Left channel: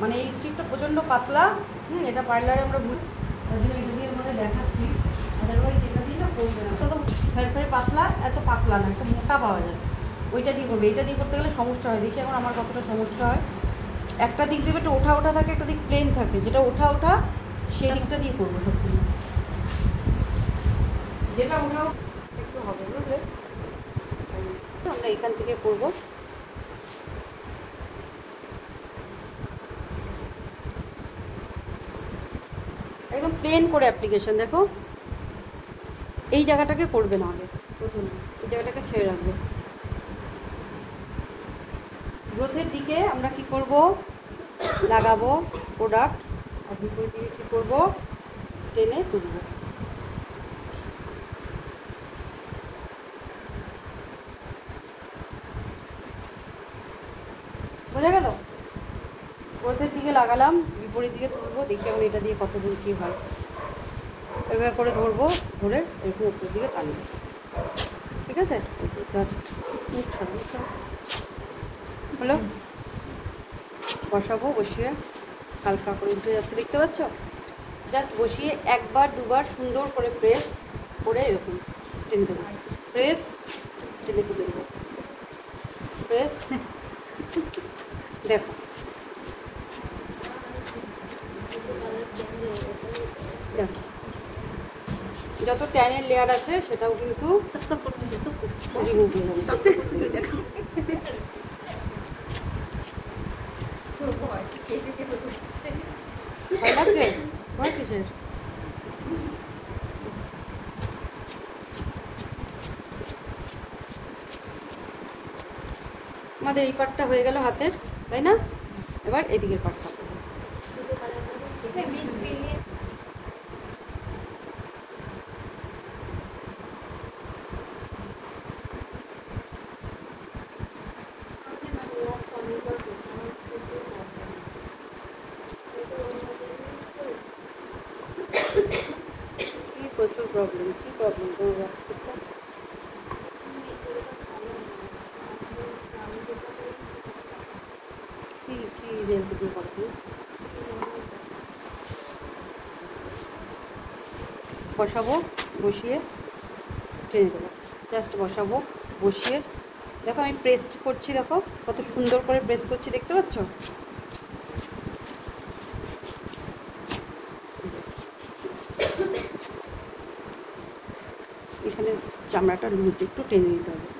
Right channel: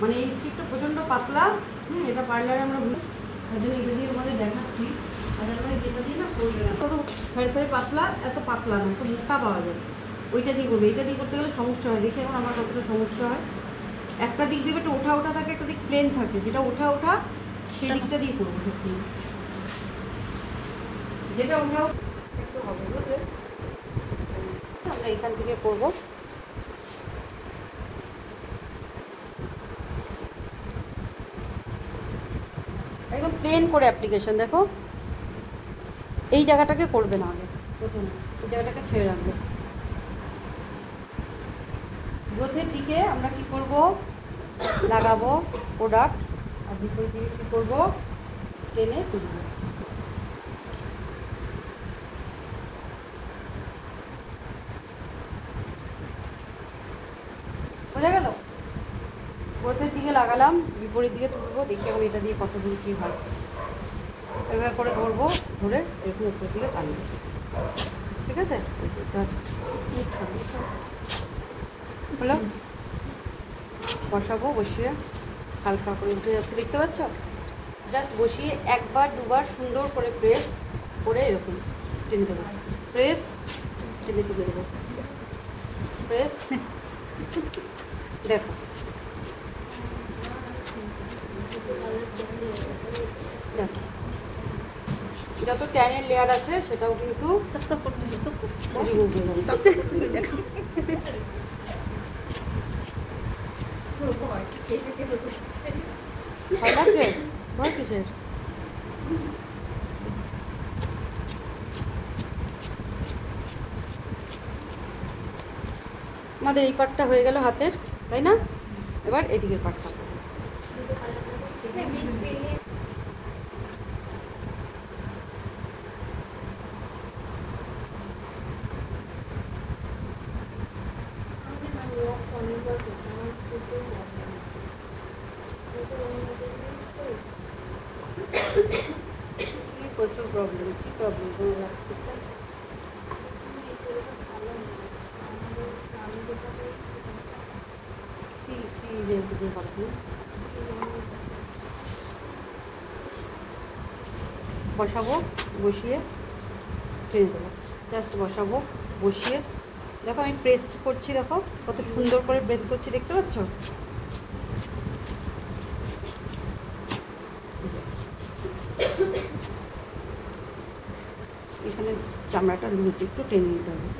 মানে এই স্টিকটা প্রচণ্ড পাতলা। এটা পার্লারে আমরা দেখাচ্ছি, আদারওয়াইজ এটা দিয়ে না করবে না। তো ফের পাতলা, এত পাতলা না, একটু মোটা পাওয়া যায়, ওইটা দিয়ে করবে। এটা দিয়ে করতে গেলে সমস্যা হয়। দেখি এখন আমার কতটা সমস্যা হয়। একটা দিক দেবে একটা ওঠা ওঠা থাকে, একটা দিক প্লেন থাকে, যেটা ওঠা ওঠা সেই দিকটা দিয়ে করবো সত্যি। যেটা ওঠা একটু হবে, বুঝলে? আমরা এখান থেকে করবো। একদম প্লেন করে অ্যাপ্লিকেশন। দেখো এই জায়গাটাকে করবে না আগে, প্রথমে এই জায়গাটাকে ছেড়ে রাখবে। গ্রোথের দিকে আমরা কি করব, লাগাবো প্রোডাক্ট, আর বিপরীত দিকে কী করবো, টেনে তুলবো। বোঝা গেল? গ্রোথের দিকে লাগালাম, বিপরীত দিকে তুলবো। দেখি এখন এটা দিয়ে কতদিন কী হয়। এইভাবে করে ধরবো, ধরে এরকম উপর দিকে টানবো। ঠিক আছে? জাস্ট হলো, বসাবো। বসিয়ে হালকা করে উঠে যাচ্ছে, দেখতে পাচ্ছ? জাস্ট বসিয়ে একবার দুবার সুন্দর করে প্রেস করে এরকম টেনে দেবো। প্রেস, টেনে তুলে দেবো। প্রেস, দেখো দেখো যত ট্যানের লেয়ার আছে সেটাও কিন্তু রিমুভ হয়ে যাবে। ভয় লাগছে? ভয় কিসের? আমাদের এই পার্টটা হয়ে গেল হাতের, তাই না? এবার এদিকের পার্টটা করবো। প্রচুর প্রবলেম। কী প্রবলেম তোমার ব্লাস্টিকটা? কী যেগুলো প্রবলেম? বসাবো, বসিয়ে টেনে দেবো। জাস্ট বসাবো, বসিয়ে দেখো আমি প্রেস করছি, দেখো কত সুন্দর করে প্রেস করছি, দেখতে পাচ্ছ? এখানে চামড়াটা লুজ, একটু টেনে নিতে হবে।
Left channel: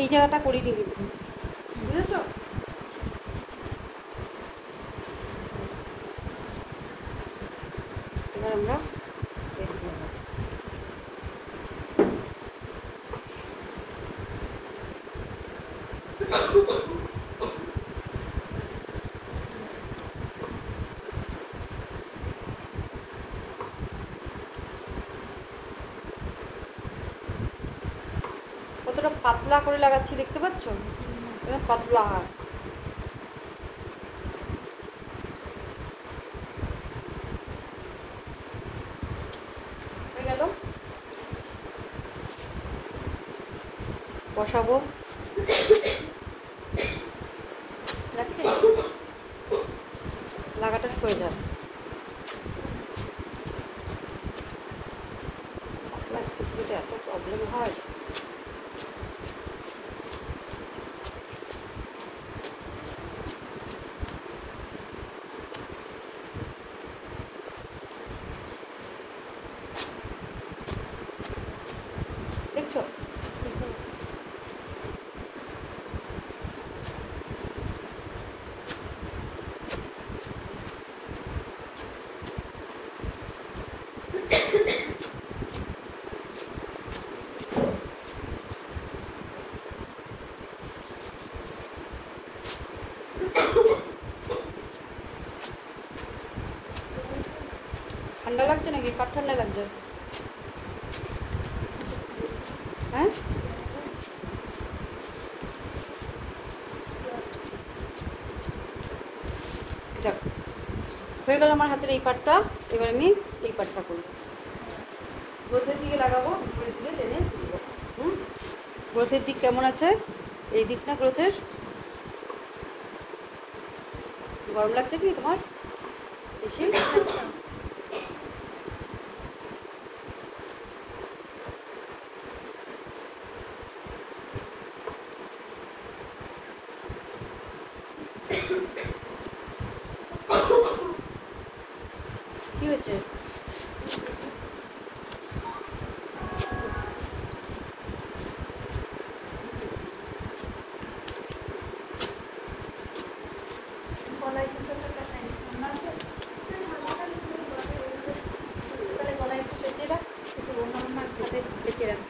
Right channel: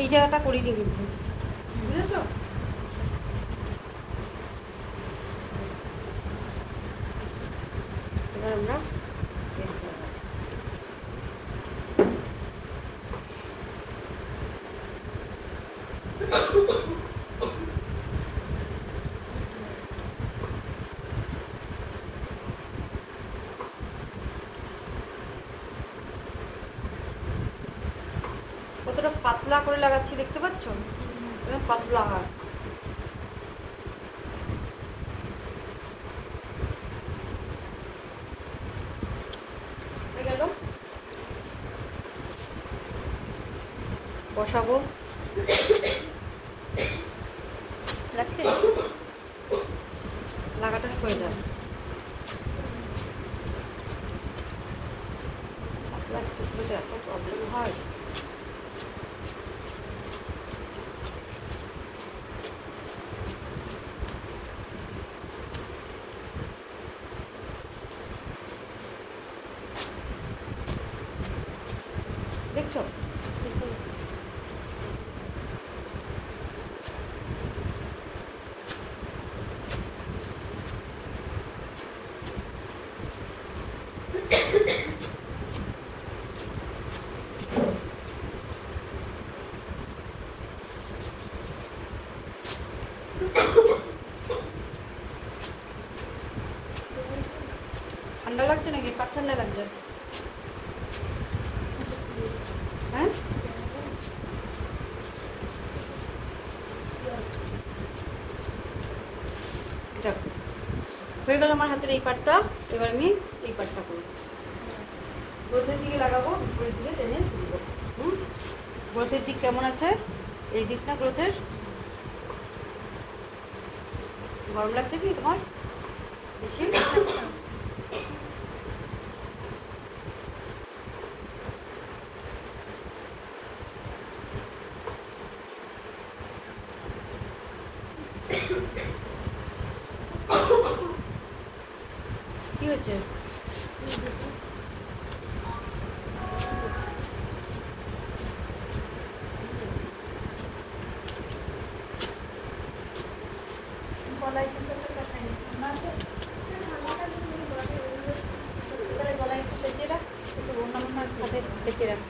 এই জায়গাটা করি দিয়ে কিন্তু, বুঝেছ? এবার আমরা কতটা পাতলা করে লাগাচ্ছি, দেখতে পাচ্ছ? পাতলা হয়। গেল, বসাবো। লাগছে? লাগাটা সয়ে যাবে। প্লাস্টিক যদি এত প্রবলেম হয়, দেখছো? ঠান্ডা লাগছে নাকি? কার ঠান্ডা লাগছে? হয়ে গেল আমার হাতের এই পাটটা। এবার আমি এই পাটটা করি, গ্রোথের দিকে লাগাবো, উপরের দিকে টেনে তুলবো। গ্রোথের দিক কেমন আছে? এই দিক না গ্রোথের? গরম লাগছে কি তোমার বেশি? কি হয়েছে? গলায় কিছু একটা কাটাই তাহলে গলায় একটু পেঁচে রাখ, কিছু অন্য সময় হাতে পেঁচে রাখ।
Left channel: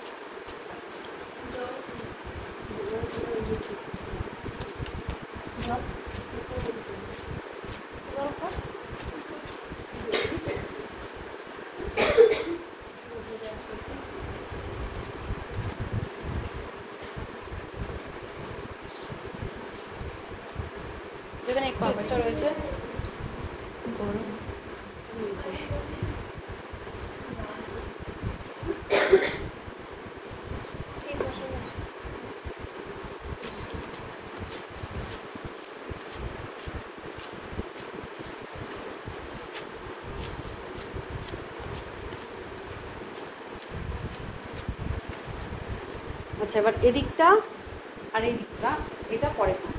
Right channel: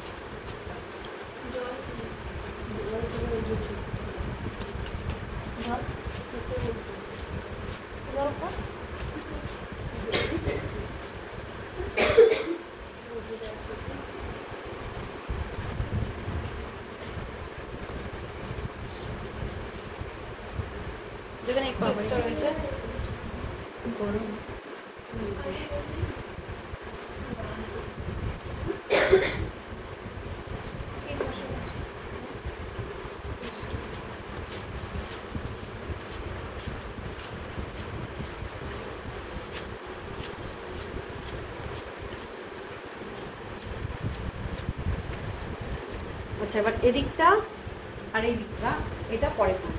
যেখানে একটু এক্সট্রা রয়েছে আচ্ছা, এবার এদিকটা আর এই দিকটা এটা পরে করব।